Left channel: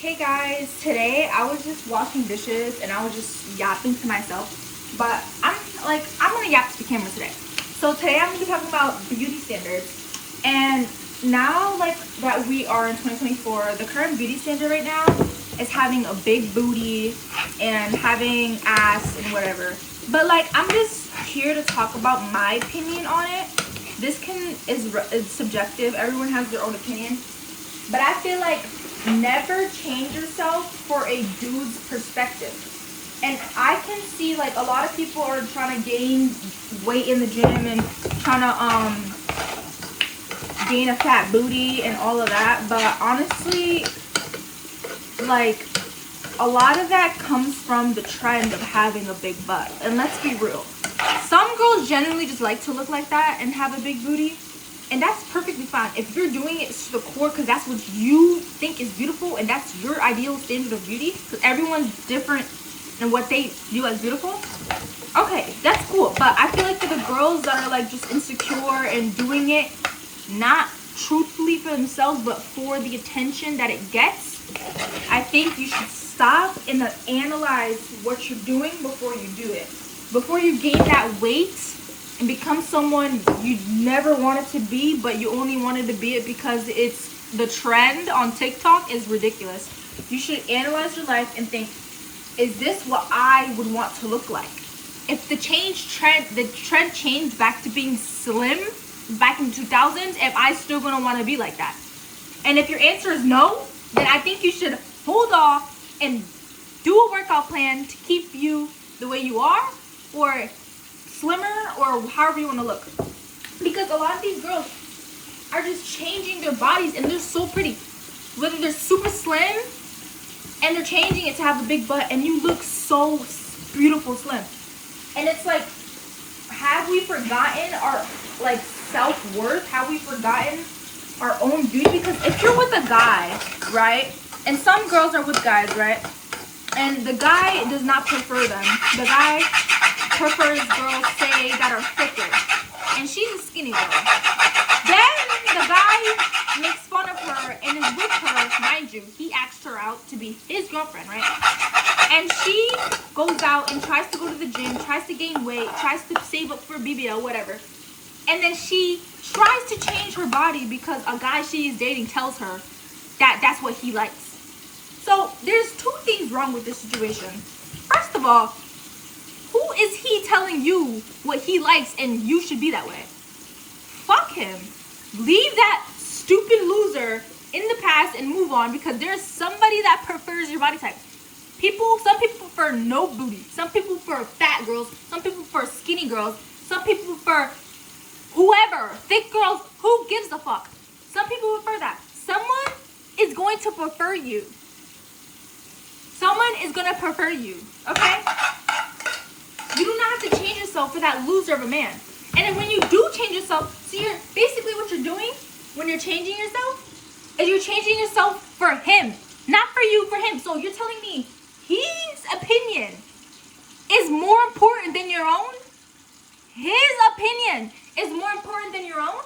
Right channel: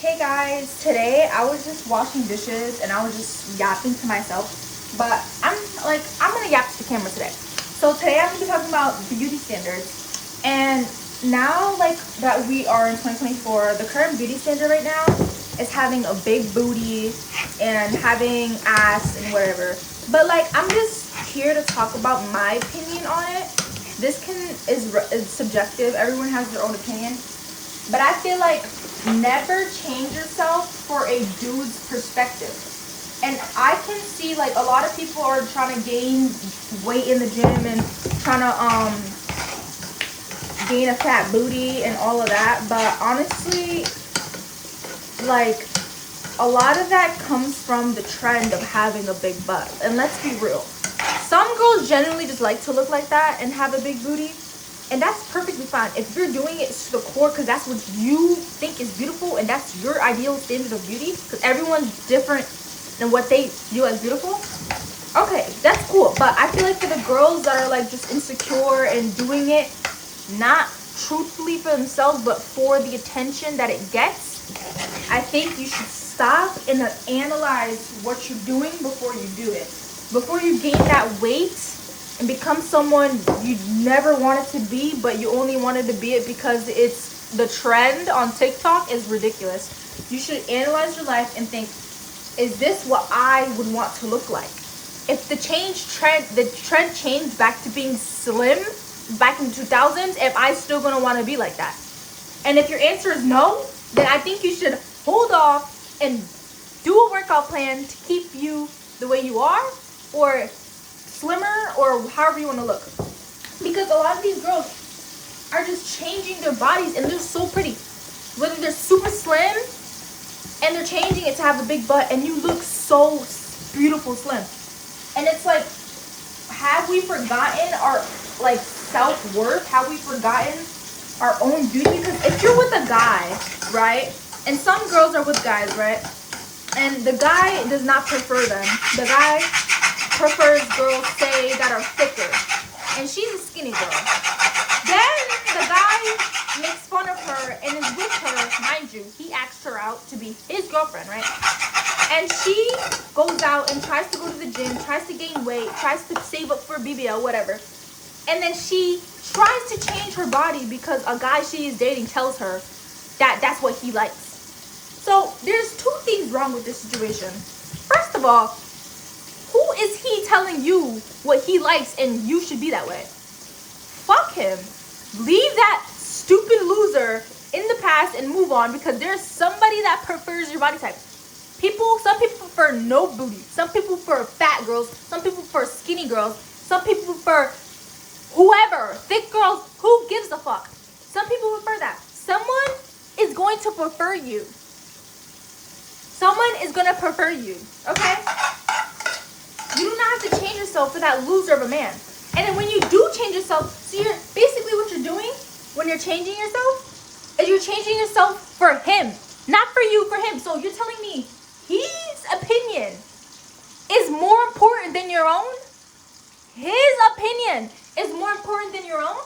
Hey guys, today I was just washing dishes and I was just yapping to myself, but I'm gonna yap to the camera today. So today I'm gonna be talking about beauty standards, and now like that we are in 2024, the current beauty standard right now is having a big booty and having ass and whatever. But like I'm just here to talk about my opinion on it. This is subjective. Everyone has their own opinion. But I feel like never change yourself for a dude's perspective. And I can see like a lot of people are trying to gain weight in the gym and trying to gain a fat booty and all of that. But honestly, like a lot of that comes from the trend of having a big butt. And let's be real. Some girls genuinely just like to look like that and have a big booty. And that's perfectly fine. If you're doing it to the core because that's what you think is beautiful and that's your ideal standard of beauty, because everyone's different than what they view as beautiful, okay, that's cool. But I feel like for the girls that are like just insecure and doing it not truthfully for themselves but for the attention that it gets, I think you should stop and analyze what you're doing before you do it. Before you gain that weight and become someone you never wanted to be, but you only wanted to be it because it's the trend on TikTok, is ridiculous. You should analyze your life and think, is this what I would want to look like? If the trend changed back to being slim back in the 2000s, am I still gonna want to be like that? And if your answer is no, then I think you should hold off and do a workout plan to keep you the way you are, or slimmer, or however you want to look. Because a lot of these girls are just changing their bodies and they're so pretty. Whether they're super slim and they're changing it to have a big butt and you look so beautiful slim. And it's like, have we forgotten our like self-worth? Have we forgotten our own beauty? Because if you're with a guy, right? And some girls are with guys, right? And the guy does not prefer them. The guy prefers girls, say, that are thicker, and she's a skinny girl. Then the guy makes fun of her and is with her, mind you, he asked her out to be his girlfriend, right? And she goes out and tries to go to the gym, tries to gain weight, tries to save up for BBL, whatever. And then she tries to change her body because a guy she is dating tells her that that's what he likes. So there's two things wrong with this situation. First of all, who is he telling you what he likes and you should be that way? Fuck him. Leave that stupid loser in the past and move on, because there's somebody that prefers your body type. Some people prefer no booty. Some people prefer fat girls. Some people prefer skinny girls. Some people prefer whoever. Thick girls. Who gives a fuck? Some people prefer that. Someone is going to prefer you. Someone is going to prefer you. Okay? You do not have to change yourself for that loser of a man. And then when you do change yourself, see, basically what you're doing when you're changing yourself is you're changing yourself for him. Not for you, for him. So you're telling me his opinion is more important than your own? His opinion is more important than your own?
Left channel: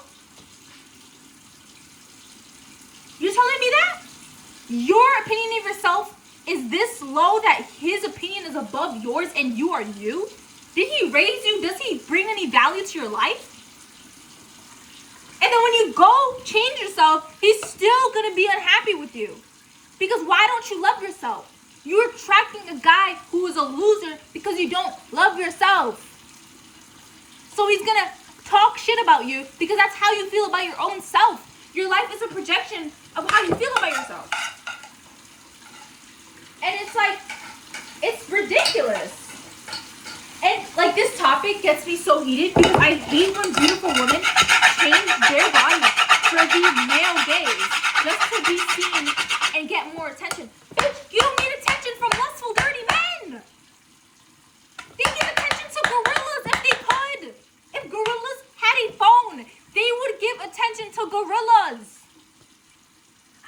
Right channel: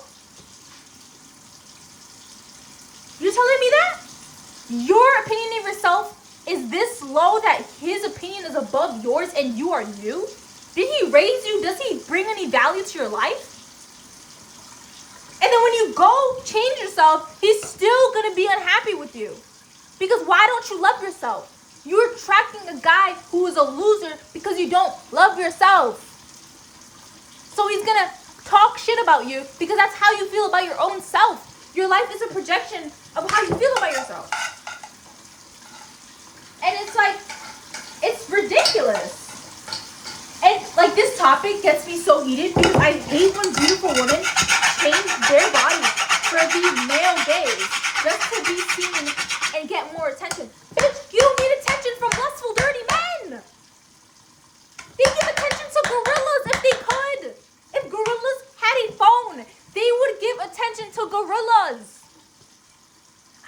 You're telling me that? Your opinion of yourself is this low that his opinion is above yours and you are you? Did he raise you? Does he bring any value to your life? And then when you go change yourself, he's still going to be unhappy with you. Because why don't you love yourself? You're attracting a guy who is a loser because you don't love yourself. So he's going to talk shit about you because that's how you feel about your own self. Your life is a projection of how you feel about yourself. And it's like, it's ridiculous. And like this topic gets me so heated because I hate when beautiful women change their bodies for these male gays just to be seen and get more attention. Bitch, you don't need attention from lustful, dirty men. They give attention to gorillas if they could. If gorillas had a phone, they would give attention to gorillas.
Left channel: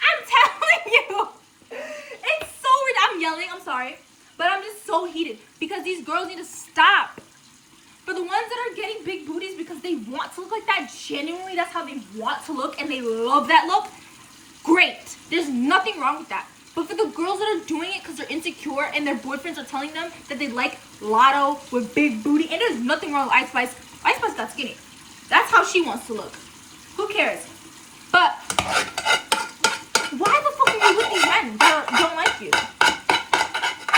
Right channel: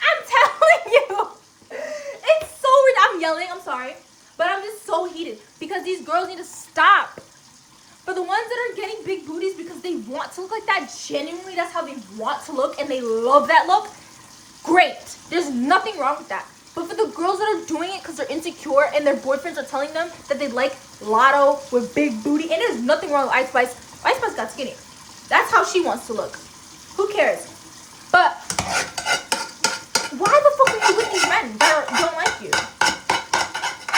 I'm telling you. It's so weird. I'm yelling, I'm sorry. But I'm just so heated because these girls need to stop. For the ones that are getting big booties because they want to look like that, genuinely that's how they want to look and they love that look, great. There's nothing wrong with that. But for the girls that are doing it because they're insecure and their boyfriends are telling them that they like Lotto with big booty, and there's nothing wrong with Ice Spice. Ice Spice got skinny. That's how she wants to look. Who cares? But why the fuck are you with these men that don't like you?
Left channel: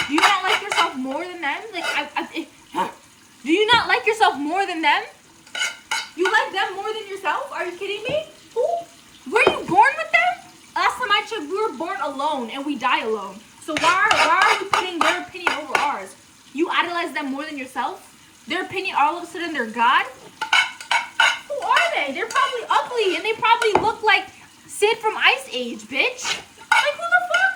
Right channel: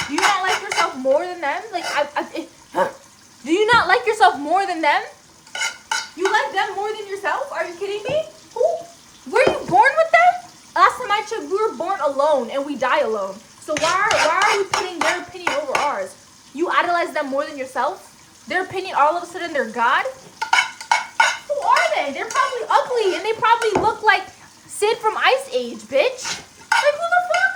Do you not like yourself more than them? Like, do you not like yourself more than them? You like them more than yourself? Are you kidding me? Who? Were you born with them? Last time I checked, we were born alone and we die alone. So why are we putting their opinion over ours? You idolize them more than yourself? Their opinion, all of a sudden, they're God? Who are they? They're probably ugly and they probably look like Sid from Ice Age, bitch. Like, who the fuck?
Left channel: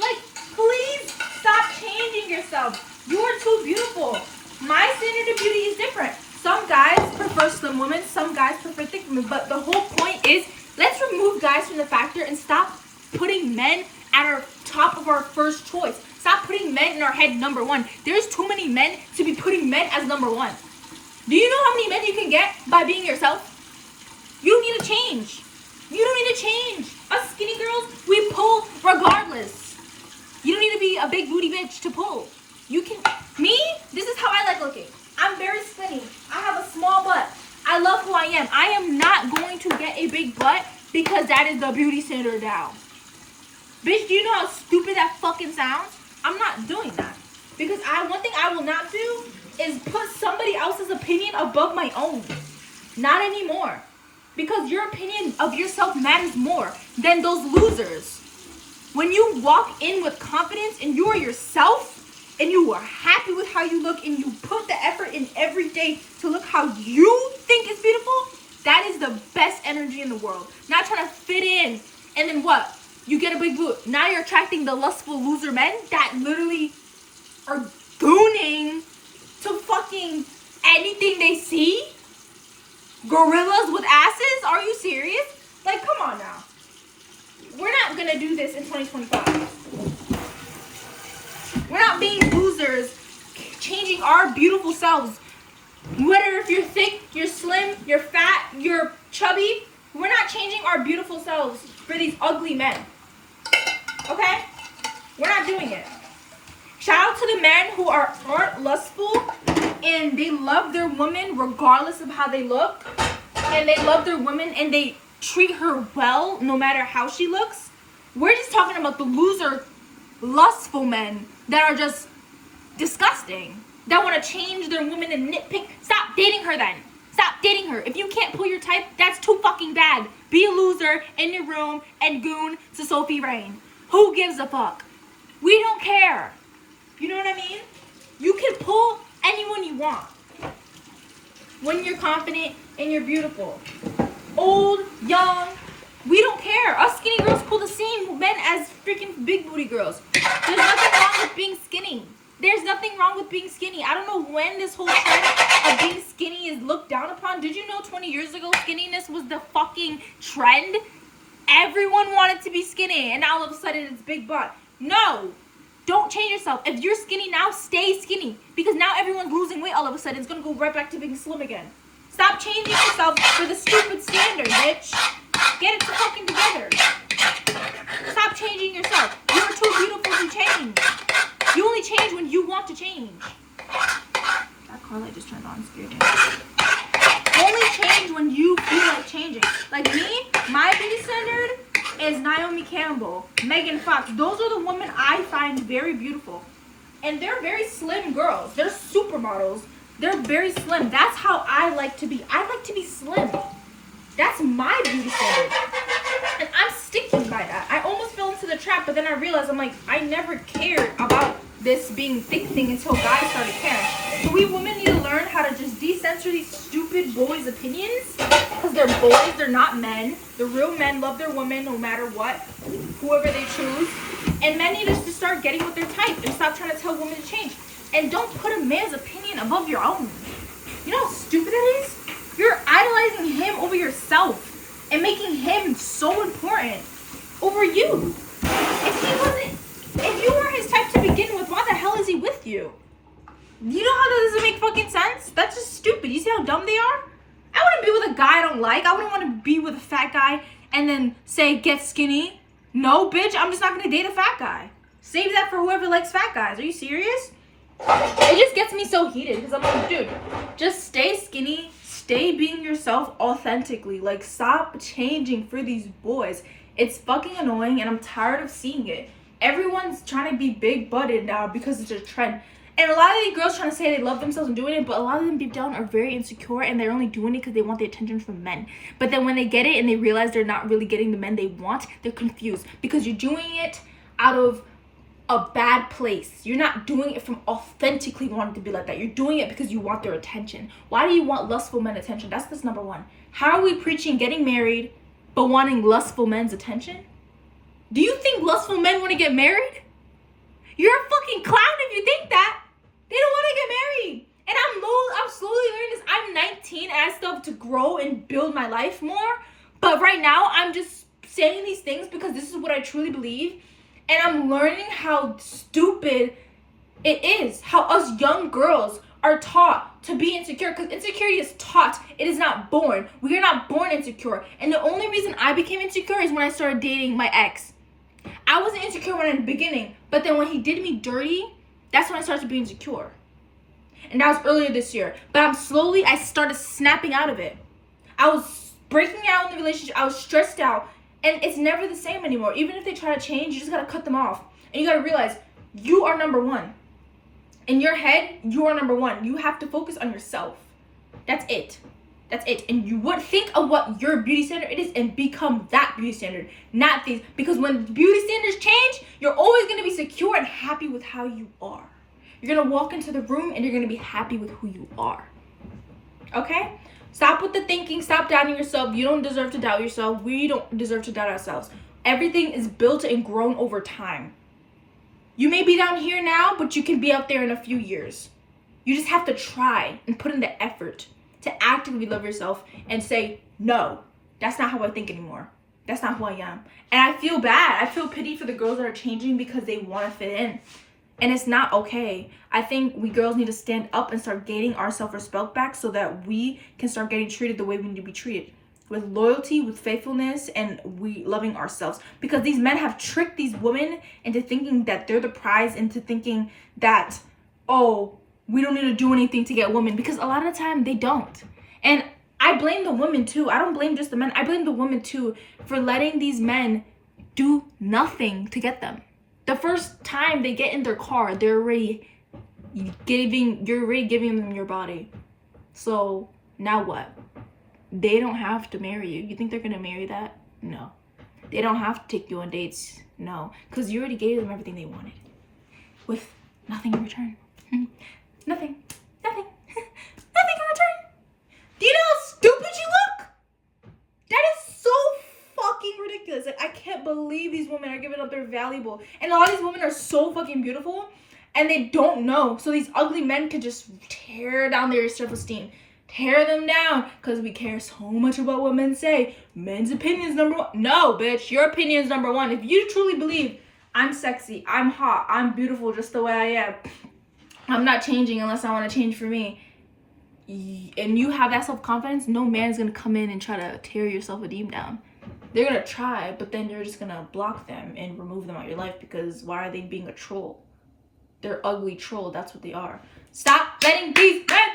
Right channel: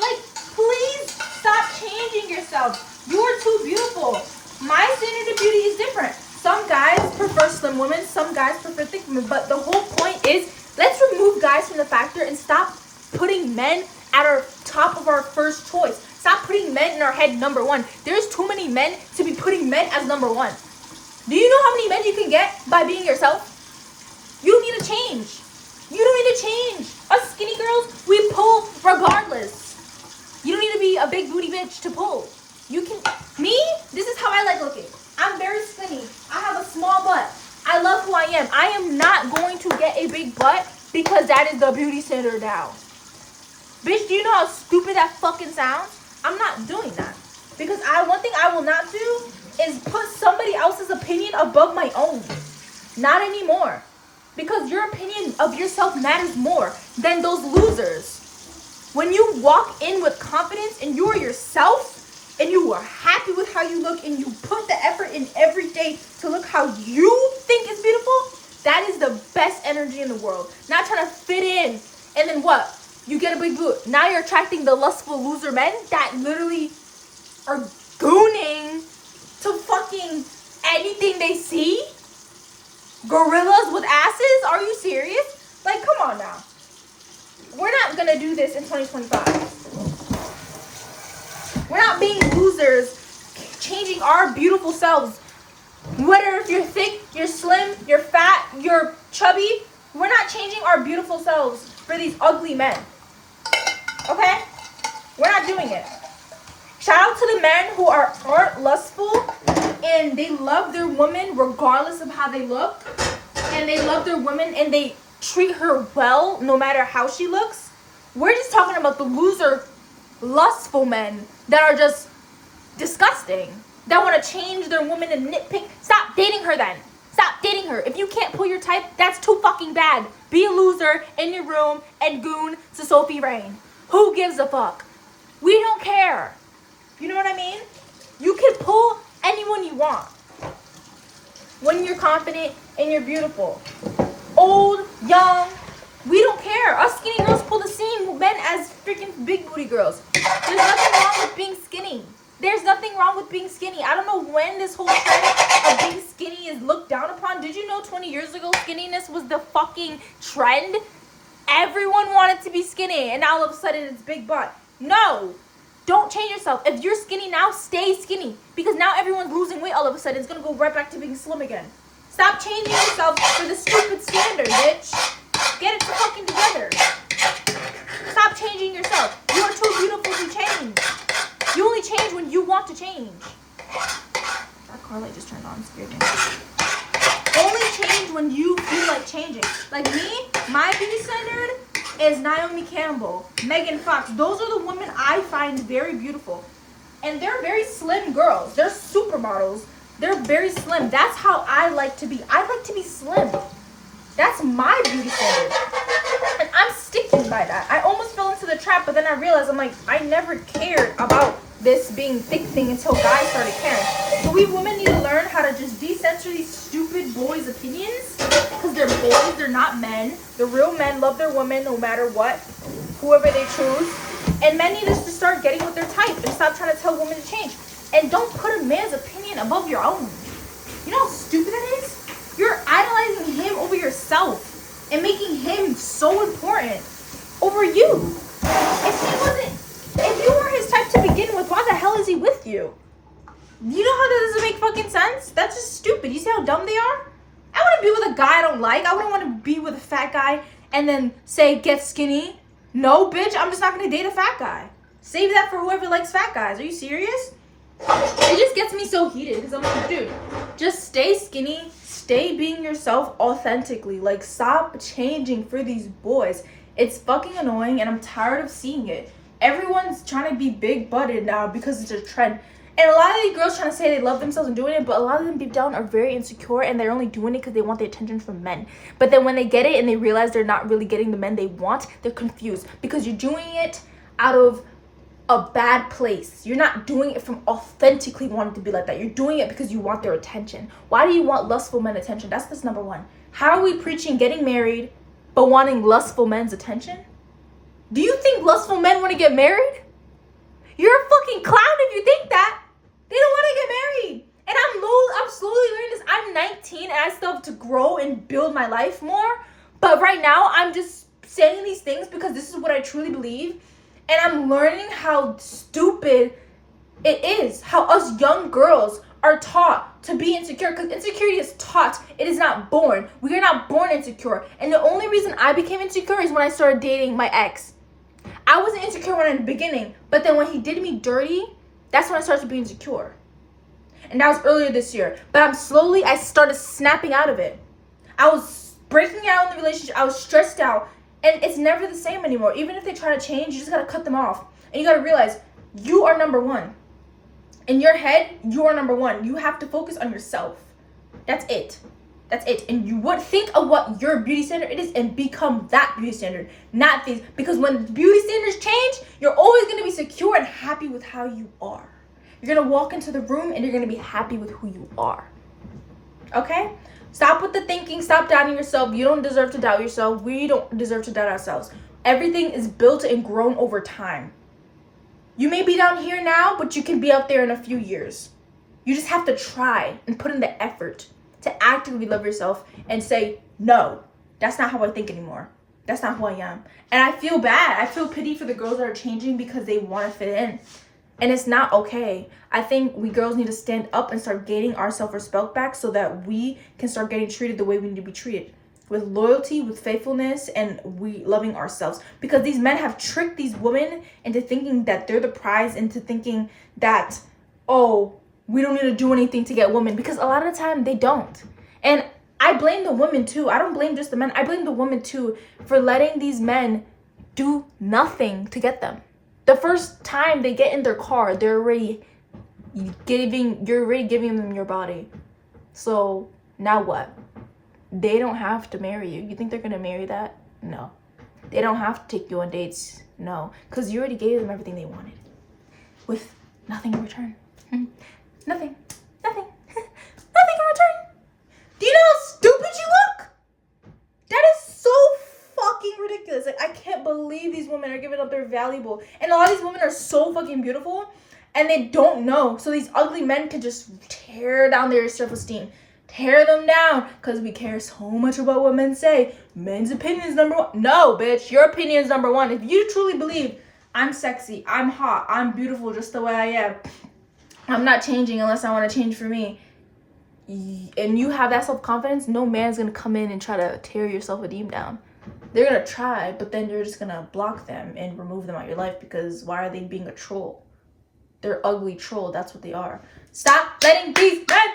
Like, please stop changing yourself. You are too beautiful. My standard of beauty is different. Some guys prefer slim women, some guys prefer thick women, but the whole point is, let's remove guys from the factor and stop putting men at our top of our first choice. Stop putting men in our head number one. There's too many men to be putting men as number one. Do you know how many men you can get by being yourself? You need to change. You don't need to change. Us skinny girls, we pull regardless. You don't need to be a big booty bitch to pull. You can, me, this is how I like looking. I'm very skinny. I have a small butt. I love who I am. I am not going to get a big butt because that is the beauty standard now. Bitch, do you know how stupid that fucking sounds? I'm not doing that. Because one thing I will not do is put somebody else's opinion above my own. Not anymore. Because your opinion of yourself matters more than those losers. When you walk in with confidence and you are yourself, and you are happy with how you look, and you put the effort in every day to look how you think is beautiful, that is the best energy in the world. Not trying to fit in, and then what? You get a big boot. Now you're attracting the lustful loser men that literally are gooning to fucking anything they see. Gorillas with asses? Are you serious? Like, come on now. We're not gonna do this in 2025. We're not being losers, changing our beautiful selves. Whether if you're thick, you're slim, you're fat, you're chubby, we're not changing our beautiful selves for these ugly men. Okay? We're not doing it. Shout out to the men who aren't lustful and they love their woman regardless of how they look. And they love their woman and they treat her well no matter how she looks. We're just talking about the loser, lustful men that are just disgusting, that want to change their woman and nitpick. Stop dating her then. Stop dating her. If you can't pull your type, that's too fucking bad. Be a loser in your room and goon to Sophie Rain. Who gives a fuck? We don't care. You know what I mean? You can pull anyone you want when you're confident and you're beautiful. Old, young, we don't care. Us skinny girls pull the same men as freaking big booty girls. There's nothing wrong with being skinny. There's nothing wrong with being skinny. I don't know when this whole trend of being skinny is looked down upon. Did you know 20 years ago skinniness was the fucking trend? Everyone wanted to be skinny and now all of a sudden it's big butt. No. Don't change yourself. If you're skinny now, stay skinny. Because now everyone's losing weight all of a sudden. It's going to go right back to being slim again. Stop changing yourself for the stupid standard, bitch. Get it fucking together. Stop changing yourself. You are too beautiful to change. You only change when you want to change. That car light just turned on. Scared me. Only change when you feel like changing. Like me, my beauty standard is Naomi Campbell, Megan Fox. Those are the women I find very beautiful. And they're very slim girls. They're supermodels. They're very slim. That's how I like to be. I like to be slim. That's my beauty standard. And I'm sticking by that. I almost fell into the trap, but then I realized I'm like, I never cared about this being thick thing until guys started caring. So we women need to learn how to just decensor these stupid boys' opinions. Because they're boys, they're not men. The real men love their women no matter what, whoever they choose. And men need to just start getting with their type and stop trying to tell women to change. And don't put a man's opinion above your own. You know how stupid it is? You're idolizing him over yourself and making him so important over you. If you weren't his type to begin with, why the hell is he with you? You know how that doesn't make fucking sense? That's just stupid. You see how dumb they are? I wouldn't be with a guy I don't like. I wouldn't want to be with a fat guy and then say, get skinny. No, bitch, I'm just not gonna date a fat guy. Save that for whoever likes fat guys. Are you serious? It just gets me so heated because I'm like, dude, just stay skinny, stay being yourself authentically. Like, stop changing for these boys. It's fucking annoying and I'm tired of seeing it. Everyone's trying to be big butted now because it's a trend. And a lot of these girls trying to say they love themselves and doing it, but a lot of them deep down are very insecure and they're only doing it because they want the attention from men. But then when they get it and they realize they're not really getting the men they want, they're confused because you're doing it out of a bad place. You're not doing it from authentically wanting to be like that. You're doing it because you want their attention. Why do you want lustful men attention? That's number one. How are we preaching getting married but wanting lustful men's attention? Do you think lustful men want to get married? You're a fucking clown if you think that. They don't want to get married. And I'm slowly learning this. I'm 19 and I still have to grow and build my life more. But right now, I'm just saying these things because this is what I truly believe. And I'm learning how stupid it is. How us young girls are taught to be insecure. Because insecurity is taught. It is not born. We are not born insecure. And the only reason I became insecure is when I started dating my ex. I wasn't insecure in the beginning. But then when he did me dirty, that's when I started to be insecure. And that was earlier this year. But I started snapping out of it. I was breaking out in the relationship. I was stressed out. And it's never the same anymore. Even if they try to change, you just gotta cut them off. And you gotta realize, you are number one. In your head, you are number one. You have to focus on yourself. That's it. That's it. And you would think of what your beauty standard is and become that beauty standard. Not these. Because when beauty standards change, you're always gonna be secure and happy with how you are. You're gonna walk into the room and you're gonna be happy with who you are. Okay? Stop with the thinking. Stop doubting yourself. You don't deserve to doubt yourself. We don't deserve to doubt ourselves. Everything is built and grown over time. You may be down here now, but you can be out there in a few years. You just have to try and put in the effort to actively love yourself and say, no, that's not how I think anymore. That's not who I am. And I feel bad. I feel pity for the girls that are changing because they want to fit in. And it's not okay. I think we girls need to stand up and start gaining our self-respect back so that we can start getting treated the way we need to be treated. With loyalty, with faithfulness, and we loving ourselves. Because these men have tricked these women into thinking that they're the prize, into thinking that, oh, we don't need to do anything to get women. Because a lot of the time, they don't. And I blame the women too. I don't blame just the men. I blame the women too for letting these men do nothing to get them. The first time they get in their car, you're already giving them your body. So now what? They don't have to marry you. You think they're gonna marry that? No. They don't have to take you on dates. No. Because you already gave them everything they wanted. With nothing in return. Nothing. Nothing. Nothing in return. Do you know how stupid you look? That is so fucking ridiculous. Like, I can't believe these women are giving up their valuable. And a lot of these women are so fucking beautiful and they don't know. So these ugly men can just tear down their self-esteem. Tear them down because we care so much about what men say. Men's opinion is number one. No, bitch, your opinion is number one. If you truly believe I'm sexy, I'm hot, I'm beautiful just the way I am, I'm not changing unless I want to change for me, and you have that self-confidence, no man's going to come in and try to tear your self-esteem down. They're going to try, but then you're just going to block them and remove them out of your life because why are they being a troll? They're ugly troll. That's what they are. Stop letting these men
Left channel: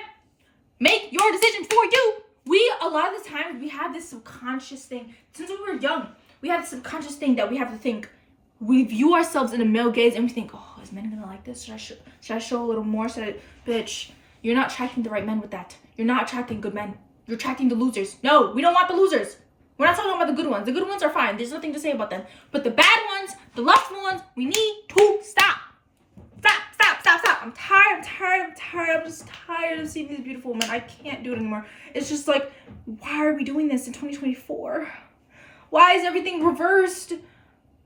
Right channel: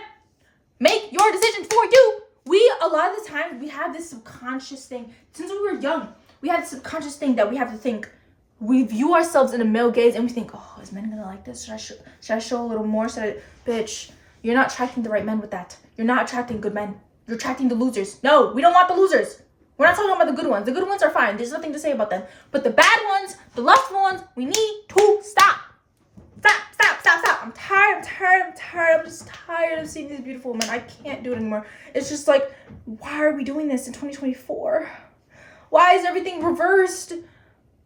make your decisions for you. A lot of the time, we have this subconscious thing. Since we were young, we have this subconscious thing that we have to think. We view ourselves in a male gaze and we think, oh, is men gonna like this? Should I show a little more? Bitch, you're not attracting the right men with that. You're not attracting good men. You're attracting the losers. No, we don't want the losers. We're not talking about the good ones. The good ones are fine. There's nothing to say about them. But the bad ones, the lustful ones, we need to stop. Stop. I'm tired. I'm just tired of seeing these beautiful women. I can't do it anymore. It's just like, why are we doing this in 2024? Why is everything reversed?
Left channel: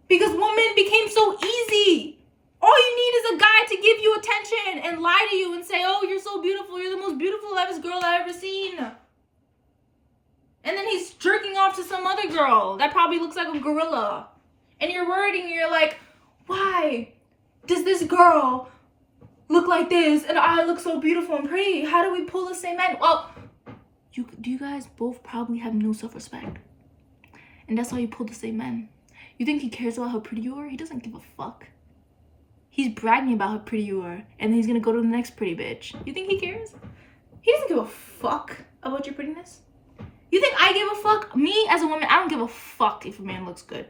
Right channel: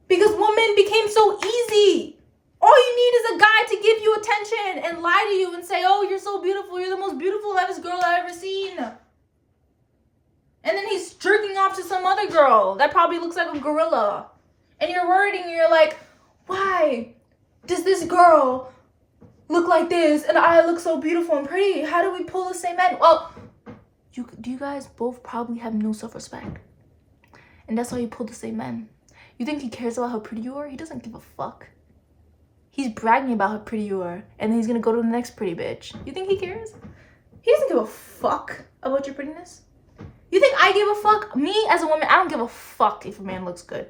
Because women became so easy. All you need is a guy to give you attention and lie to you and say, oh, you're so beautiful. You're the most beautiful, livest girl I've ever seen. And then he's jerking off to some other girl that probably looks like a gorilla. And you're worried and you're like, why does this girl look like this and I look so beautiful and pretty? How do we pull the same men? Well, you guys both probably have no self-respect. And that's why you pull the same men. You think he cares about how pretty you are? He doesn't give a fuck. He's bragging about how pretty you are, and then he's gonna go to the next pretty bitch. You think he cares? He doesn't give a fuck about your prettiness. You think I give a fuck? Me, as a woman, I don't give a fuck if a man looks good.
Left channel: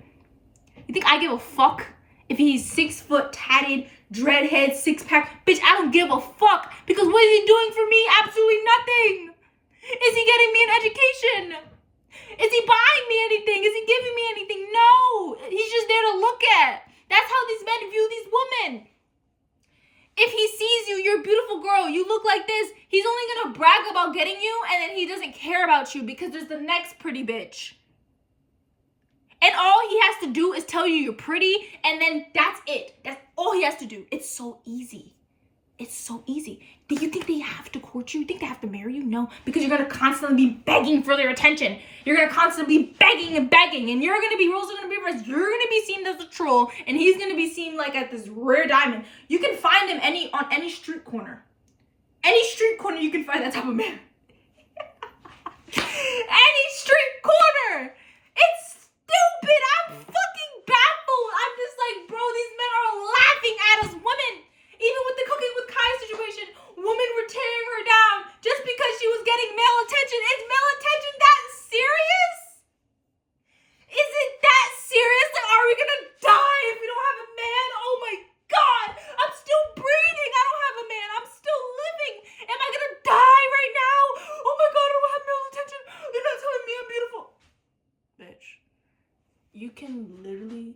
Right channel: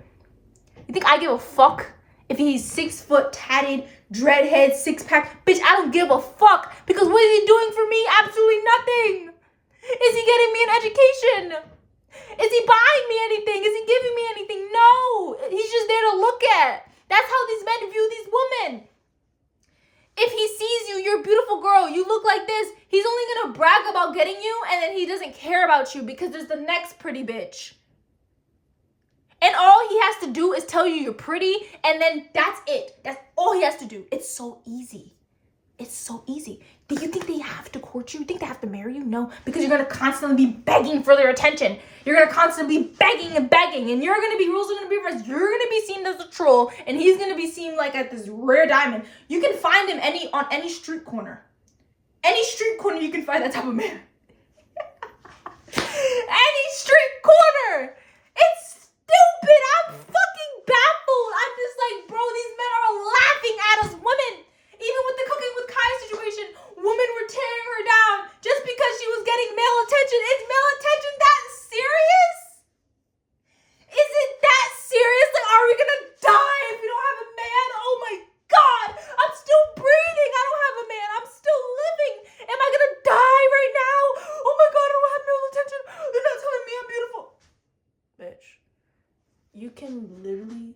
You think I give a fuck if he's 6 foot, tatted, dreadhead, 6-pack? Bitch, I don't give a fuck, because what is he doing for me? Absolutely nothing. Is he getting me an education? Is he buying me anything? Is he giving me anything? No. He's just there to look at. That's how these men view these women. If he sees you, you're a beautiful girl, you look like this, he's only gonna brag about getting you, and then he doesn't care about you because there's the next pretty bitch. And all he has to do is tell you you're pretty, and then that's it. That's all he has to do. It's so easy. It's so easy. Do you think they have to court you? You think they have to marry you? No, because you're gonna constantly be begging for their attention. You're gonna constantly be begging and begging, and you're gonna be, rules are gonna be reversed. You're gonna be seen as a troll, and he's gonna be seen like at this rare diamond. You can find him on any street corner. Any street corner, you can find that type of man. Any street corner. It's stupid. I'm fucking baffled. I'm just like, bro, these men are laughing at us women. Even with the Cooking with Kaya situation, women were tearing her down just because she was getting male attention. Is male attention that serious? Is it that serious? Like, are we gonna die if we don't have a man? Oh my God, I'm still breathing. I don't have a man. I'm still living. Am I gonna die right now? Oh my God, I don't have male attention. They're not telling me I'm beautiful. Bitch, you can literally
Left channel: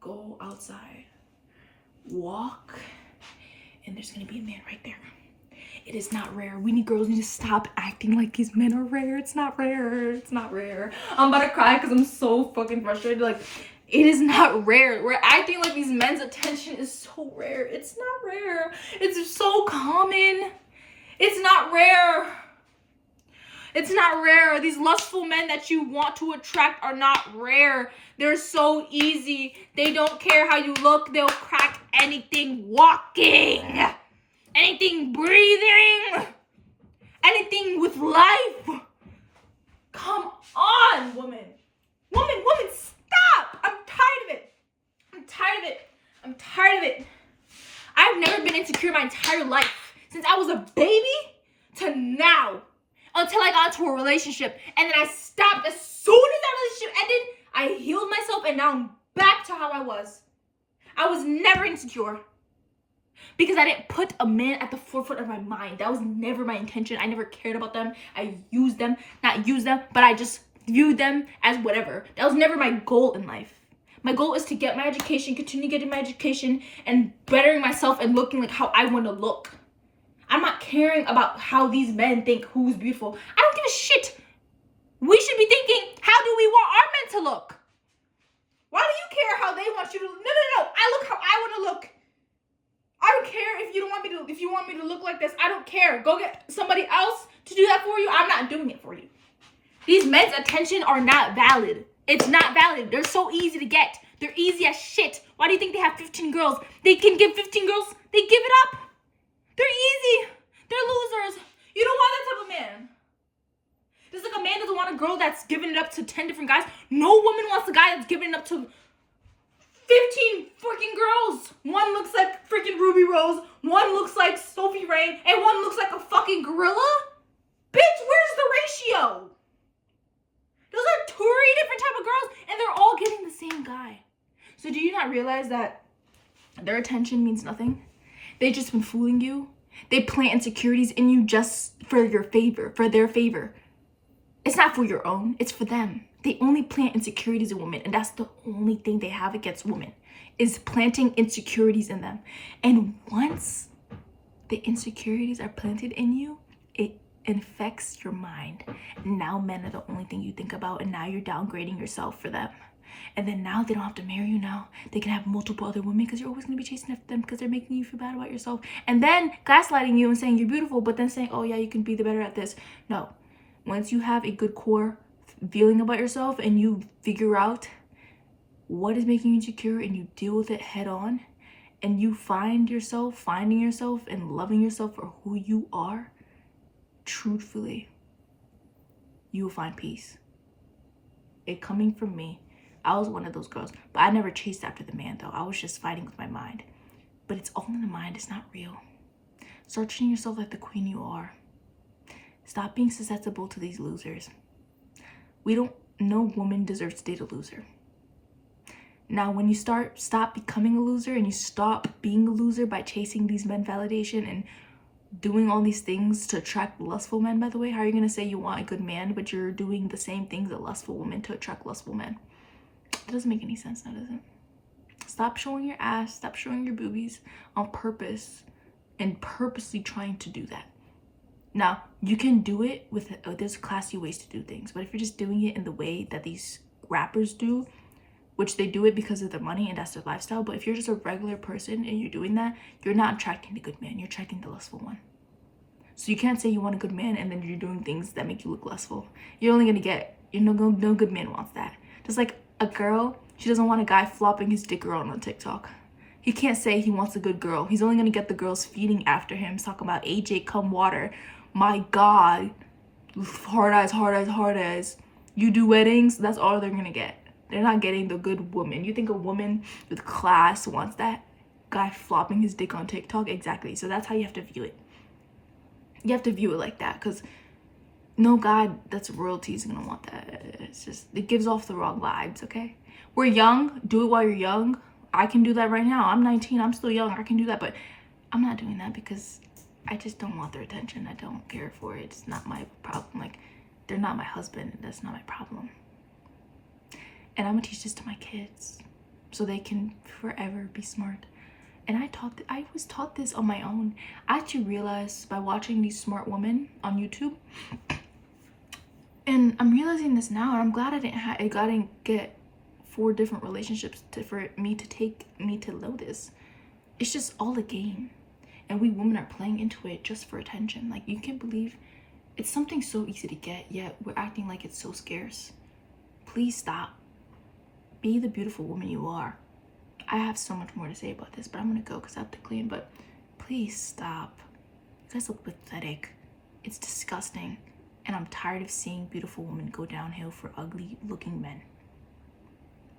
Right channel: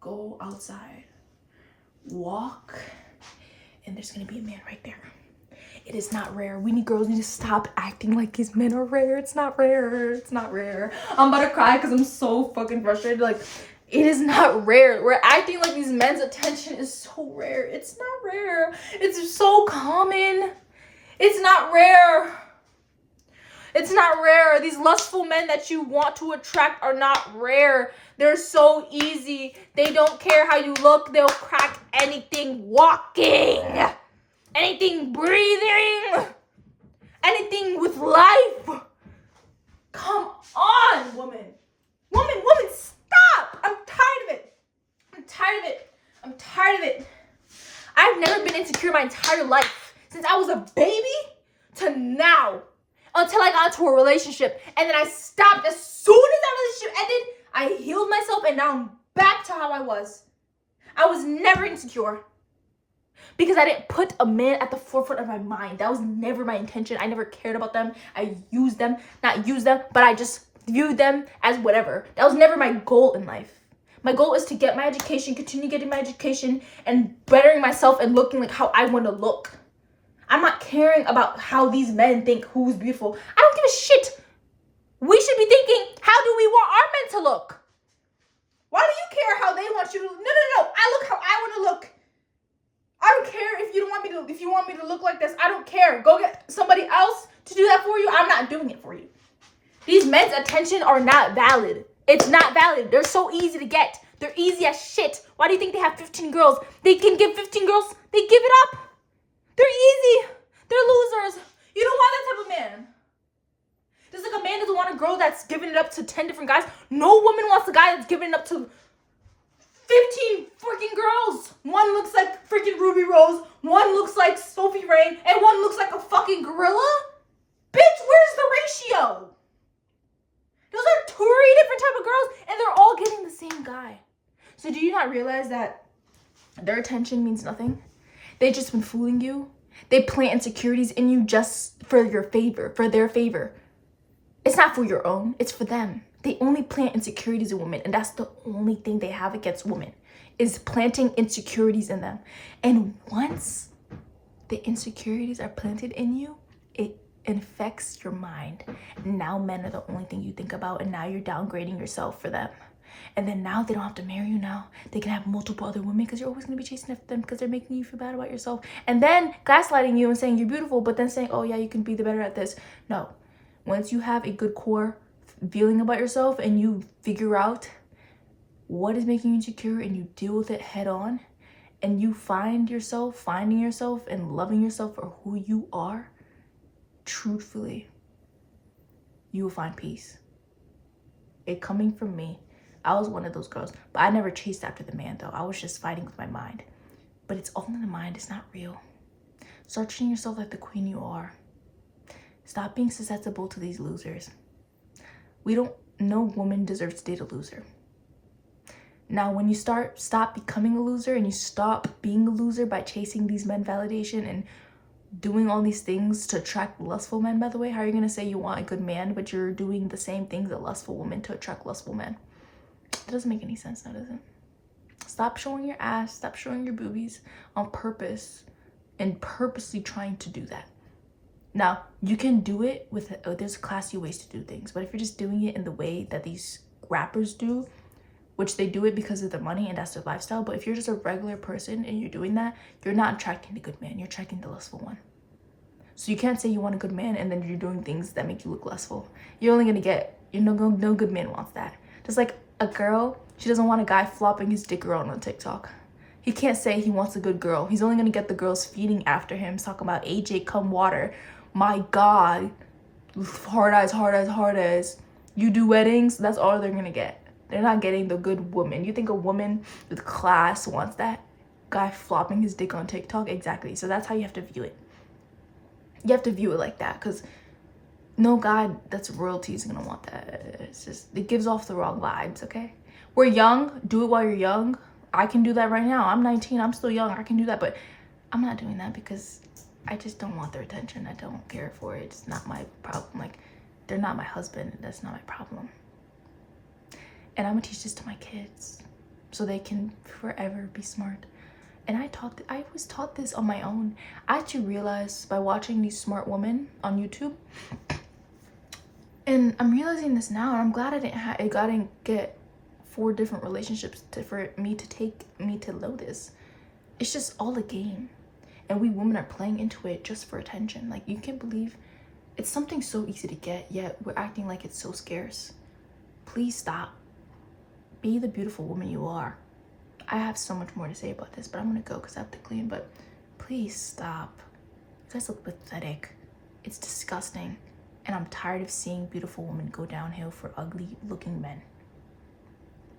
go outside, walk, and there's gonna be a man right there. It is not rare. Girls need to stop acting like these men are rare. It's not rare. It's not rare. I'm about to cry because I'm so fucking frustrated. Like, it is not rare. We're acting like these men's attention is so rare. It's not rare. It's so common. It's not rare. It's not rare. These lustful men that you want to attract are not rare. They're so easy. They don't care how you look. They'll crack anything walking, anything breathing, anything with life. Come on, woman. Woman, stop. I'm tired of it. I'm tired of it. I'm tired of it. I've never been insecure my entire life. Since I was a baby to now. Until I got into a relationship. And then I stopped as soon as that relationship ended. I healed myself and now I'm back to how I was. I was never insecure. Because I didn't put a man at the forefront of my mind. That was never my intention. I never cared about them. I used them, not used them, but I just viewed them as whatever. That was never my goal in life. My goal is to get my education, continue getting my education, and bettering myself and looking like how I want to look. I'm not caring about how these men think who's beautiful. I don't give a shit. We should be thinking, how do we want our men to look? Why do you care how they want you to look? No. I look how I want to look. I don't care if you don't want me to, if you want me to look like this. I don't care. Go get somebody else to do that for you. I'm not doing it for you. These men's attention are not valid. It's not valid. They're so easy to get. They're easy as shit. Why do you think they have 15 girls? They can give 15 girls. They give it up. They're easy. They're losers. You don't want that type of man. Just like a man doesn't want a girl that's giving it up to 10 different guys. No woman wants a guy that's giving it up to 15 freaking girls. One looks like freaking Ruby Rose. One looks like Sophie Rain. And one looks like a fucking gorilla. Bitch, where's the ratio? Those are 3 different type of girls. And they're all getting the same guy. So do you not realize that their attention means nothing? They've just been fooling you. They plant insecurities in you just for your favor, for their favor. It's not for your own, it's for them. They only plant insecurities in women, and that's the only thing they have against women, is planting insecurities in them. And once the insecurities are planted in you, it infects your mind. Now men are the only thing you think about, and now you're downgrading yourself for them. And then now they don't have to marry you now. They can have multiple other women because you're always going to be chasing after them because they're making you feel bad about yourself. And then gaslighting you and saying you're beautiful, but then saying, oh yeah, you can be the better at this. No. Once you have a good core feeling about yourself and you figure out what is making you insecure and you deal with it head on and you find yourself, finding yourself and loving yourself for who you are, truthfully, you will find peace. It coming from me. I was one of those girls, but I never chased after the man though. I was just fighting with my mind. But it's all in the mind. It's not real. Start treating yourself like the queen you are. Stop being susceptible to these losers. No woman deserves to date a loser. Now, when you stop becoming a loser and you stop being a loser by chasing these men validation and doing all these things to attract lustful men, by the way, how are you going to say you want a good man, but you're doing the same things a lustful woman to attract lustful men? That doesn't make any sense, now, does it? Stop showing your ass, stop showing your boobies on purpose and purposely trying to do that. Now, you can do it with, there's classy ways to do things, but if you're just doing it in the way that these rappers do, which they do it because of their money and that's their lifestyle, but if you're just a regular person and you're doing that, you're not attracting the good man, you're attracting the lustful one. So you can't say you want a good man and then you're doing things that make you look lustful. You're only gonna get, no good man wants that. Just like a girl, she doesn't want a guy flopping his dick around on TikTok. He can't say he wants a good girl. He's only gonna get the girls feeding after him, talking about AJ come water. My God, hard eyes, hard eyes, hard eyes. You do weddings, that's all they're gonna get. They're not getting the good woman. You think a woman with class wants that guy flopping his dick on TikTok? Exactly. So that's how you have to view it. You have to view it like that, because no guy that's royalty is gonna want that. It's just, it gives off the wrong vibes, okay? We're young. Do it while you're young. I can do that right now. I'm 19. I'm still young. I can do that, but I'm not doing that because I just don't want their attention. I don't care for it. It's not my problem. Like, they're not my husband. That's not my problem. And I'm gonna teach this to my kids so they can forever be smart. And I was taught this on my own. I actually realized by watching these smart women on YouTube, and I'm realizing this now, and I'm glad I didn't get 4 different relationships for me to know this. It's just all a game, and we women are playing into it just for attention. Like, you can't believe it's something so easy to get, yet we're acting like it's so scarce. Please stop. Be the beautiful woman you are. I have so much more to say about this, but I'm gonna go because I have to clean. But please stop. You guys look pathetic. It's disgusting, and I'm tired of seeing beautiful women go downhill for ugly looking men.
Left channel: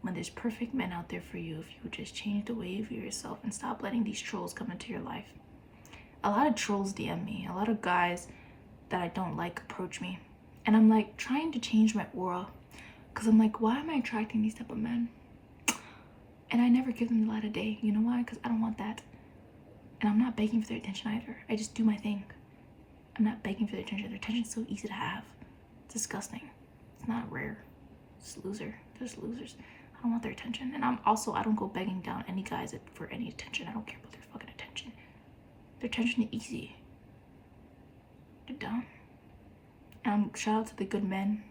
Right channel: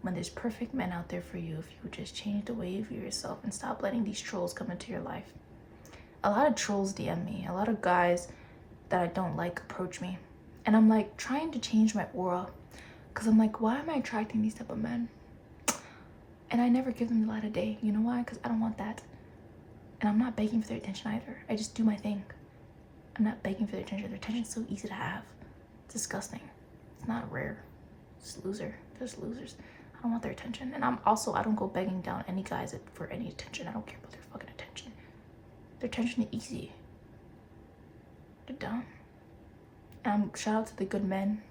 When there's perfect men out there for you, if you would just change the way you view yourself and stop letting these trolls come into your life. A lot of trolls DM me. A lot of guys that I don't like approach me, and I'm like trying to change my aura, because I'm like, why am I attracting these type of men? And I never give them the light of day. You know why? Because I don't want that. And I'm not begging for their attention either. I just do my thing. I'm not begging for their attention. Their attention's so easy to have. It's disgusting. It's not rare. It's loser. There's losers. I don't want their attention. And I don't go begging down any guys for any attention. I don't care about their fucking attention. Their attention is easy. They're dumb. And shout out to the good men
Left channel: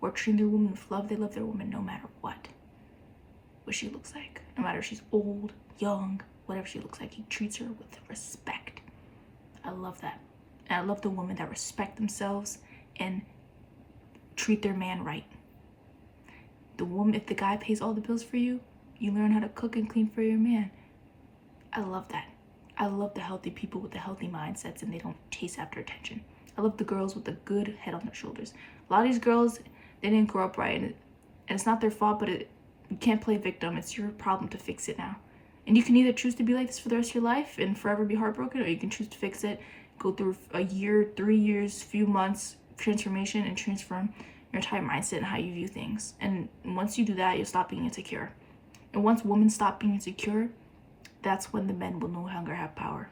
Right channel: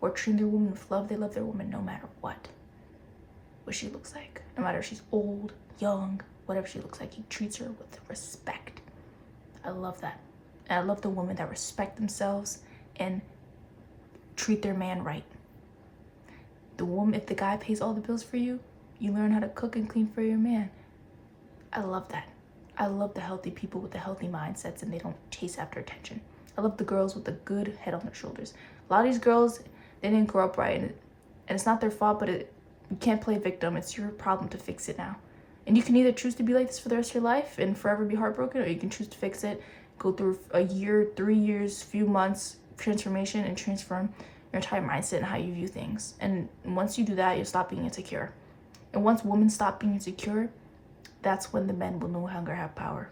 who are treating their woman with love. They love their woman no matter what she looks like. No matter if she's old, young, whatever she looks like, he treats her with respect. I love that. And I love the women that respect themselves and treat their man right. If the guy pays all the bills for you, you learn how to cook and clean for your man. I love that. I love the healthy people with the healthy mindsets and they don't chase after attention. I love the girls with the good head on their shoulders. A lot of these girls, they didn't grow up right, and it's not their fault, but you can't play victim. It's your problem to fix it now. And you can either choose to be like this for the rest of your life and forever be heartbroken, or you can choose to fix it, go through a year, 3 years, few months transformation and transform your entire mindset and how you view things. And once you do that, you'll stop being insecure. And once women stop being insecure, that's when the men will no longer have power.